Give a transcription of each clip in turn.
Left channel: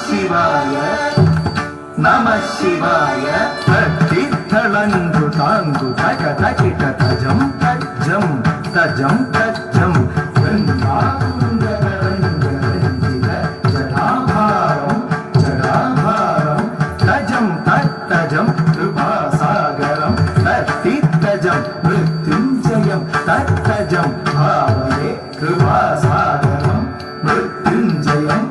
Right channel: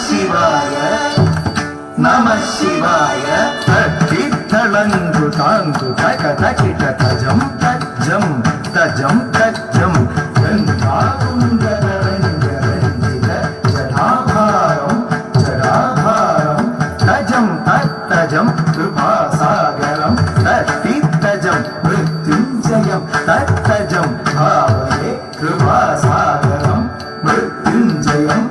ಶಿವಾಯ ನಮಃ ಶಿವಾಯ ತತ್ತಿತ್ತಳಂದು ತಾಂದು ತಕ ತಕಿಟ ತಜಂ ತಜ್ಜಂ ತಜಂ ತಜ್ಜಂ ಗಂಧಾಪುಂಗರಂಗರಂಜಿತ ಜಟಾಭಾರಂ ಜಟಾಭಾರಂ ತಜಂ ತತ್ತಜಂ ಕೃಪಾಸಾಗರಂ ತತ್ತಿತ್ತಜಂ ಮೃತ್ಯುಂಜಯಂ ತತ್ತಜಂ ಭಾವಯೇ ಕೃಪಾಸಾಗರಂ ಮೃತ್ಯುಂಜಯಂ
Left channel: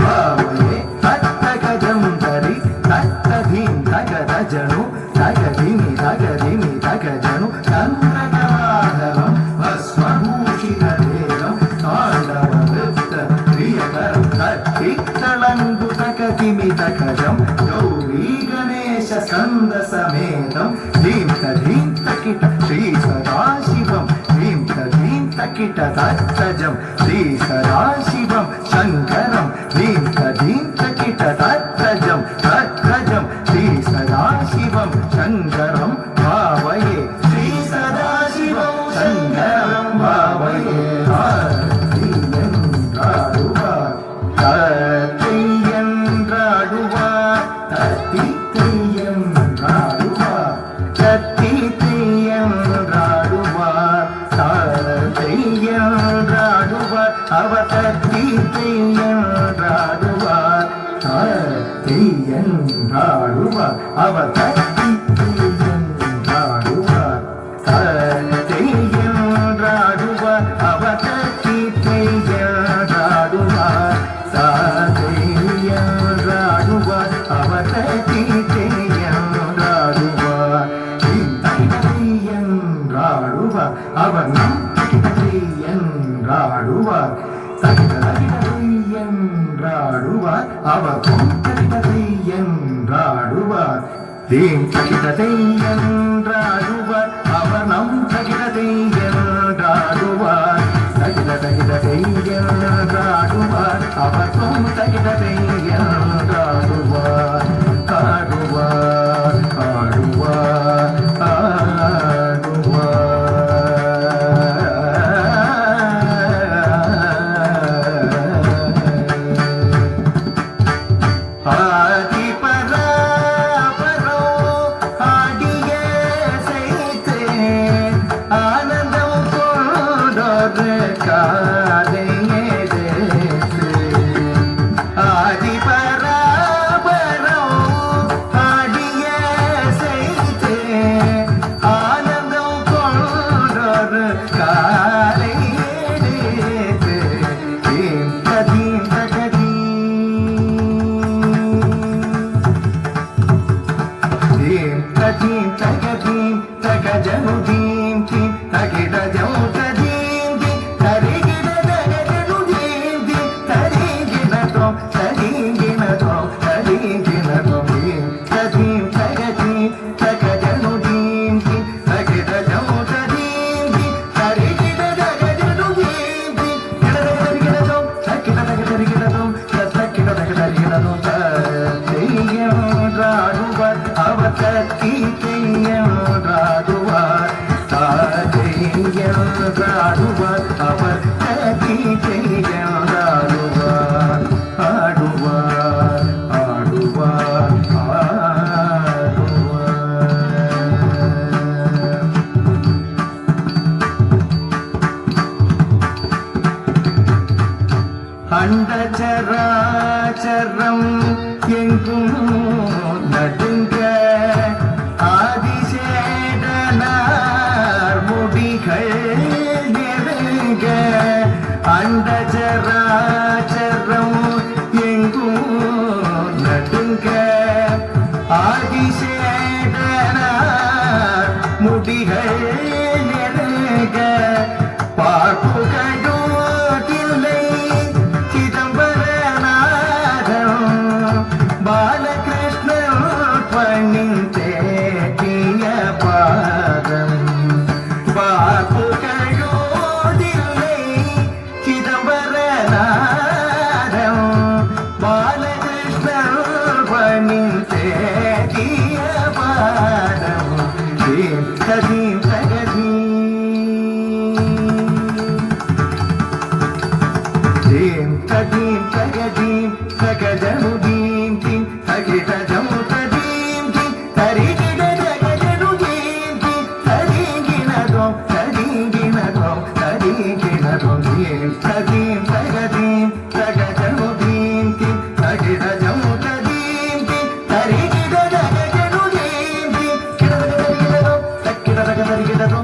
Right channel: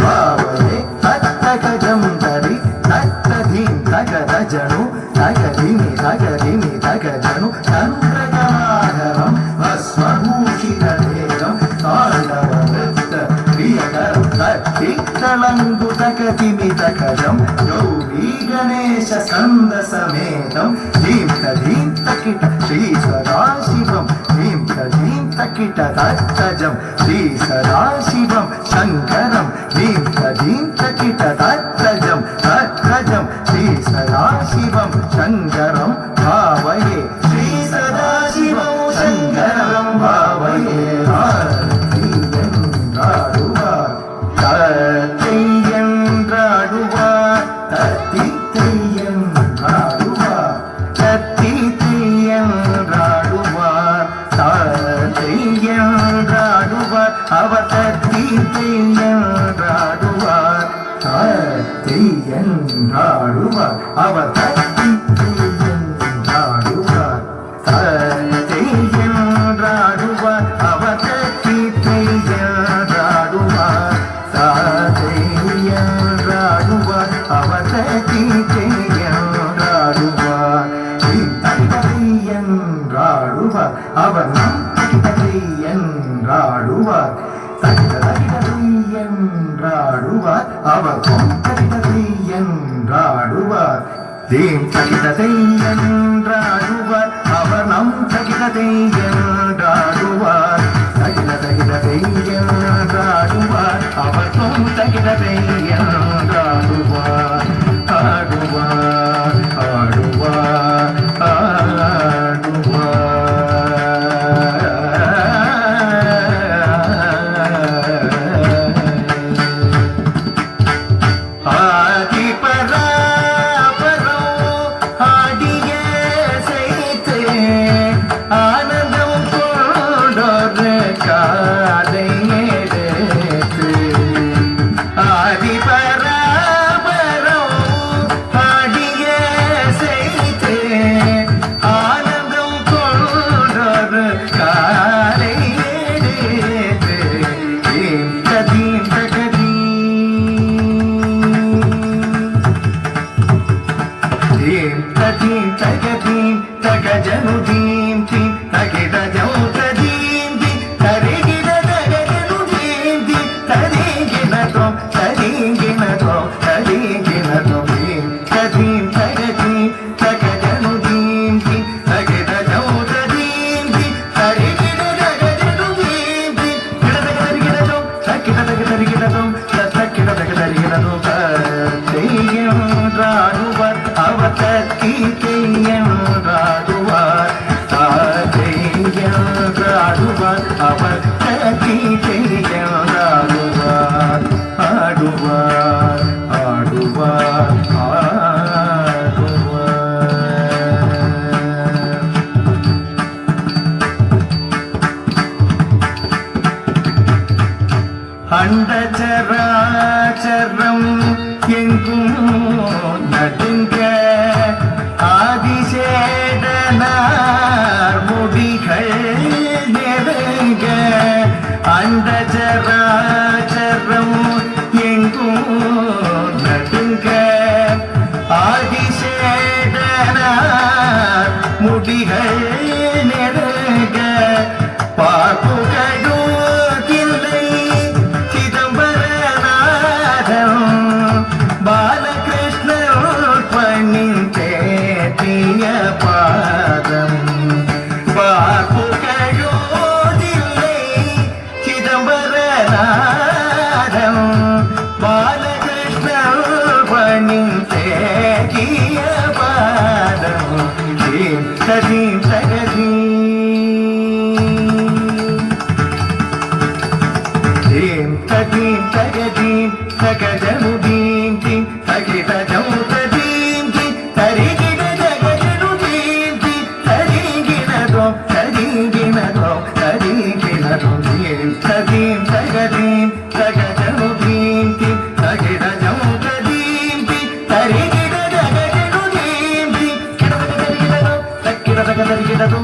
ಭಾವಯೇ ತತ್ತಗಜಂ ತರಿ ತತ್ತಧೀಂ ತಗದಜನು ತಗಧಿಮಿ ತಗಧಿಮಿ ತಗಜನು ಚಂದ್ರಕಲಾಧರಂ ಭಸ್ಮಭೂಷಿತದೇಹಂ ತಾಂಡವವೃತ್ತ ಪ್ರಿಯಕರಂ ತತ್ತಿತ್ತಳಂದು ತಕತಿಮಿ ತಕಜಂ ಗೌರೀ ಗಣೇಶ ಸ್ಕಂದ ಸಮೇತಂ ಧೀಂ ತಧೀಂ ತಕಿಟ ಶ್ರೀ ಸದಾಶಿವಂ ಧೀಂ ತಧೀಂ ತಕಿಟ ತತ್ತಜಂ ಶ್ರೀ ಸದಾಶಿವಂ ಶಂಕರಂ ಧೀಂ ತಧೀಂ ತಕಿಟ ತತ್ತಜಂ ತತ್ತಜಂ ಶ್ರೀ ಸದಾಶಿವಂ ಶಂಕರಂ ಭಾವಯೇ ಶ್ರೀ ಸದಾಶಿವಂ ಶಂಕರಂ ಭಾವಯೇ அவர் நம் என்றாடுவார் என்றாடுவார் அவர் என்றாடுவார் தீம் தகிததை என்றாடுவார் அவர் நம் தகிததை என்றாடுவார் தகித தகிததை என்றாடுவார் அவர் நம் தகிததை என்றாடுவார் ஆடுவார் ஆடுவார் அண்டச்சரா ದೀಂ ಸಗಜನು ದೀಂತಿ ತಗಿದ ಜೌತ ದೀಂತಿ ತರಿಗಿದ ಜಗಜನು ದೀಂತಿ ತರಿಗಿನದೋ ತರಿಗಿನದೋ ತರಿಗಿನದೋ ದೀಂ ಸದೀಂ ಸಗದೀಂ ಸಗಜನು ದೀಂತಿ ತಗಿದ ಜೌತ ದೀಂತಿ ತರಿಗಿದ ಜಗಜನು ದೀಂತಿ ಕಿಡದ ತರಿಗಿಡದು ತಕ್ಕಿಡದ ತರಿಗಿಡದು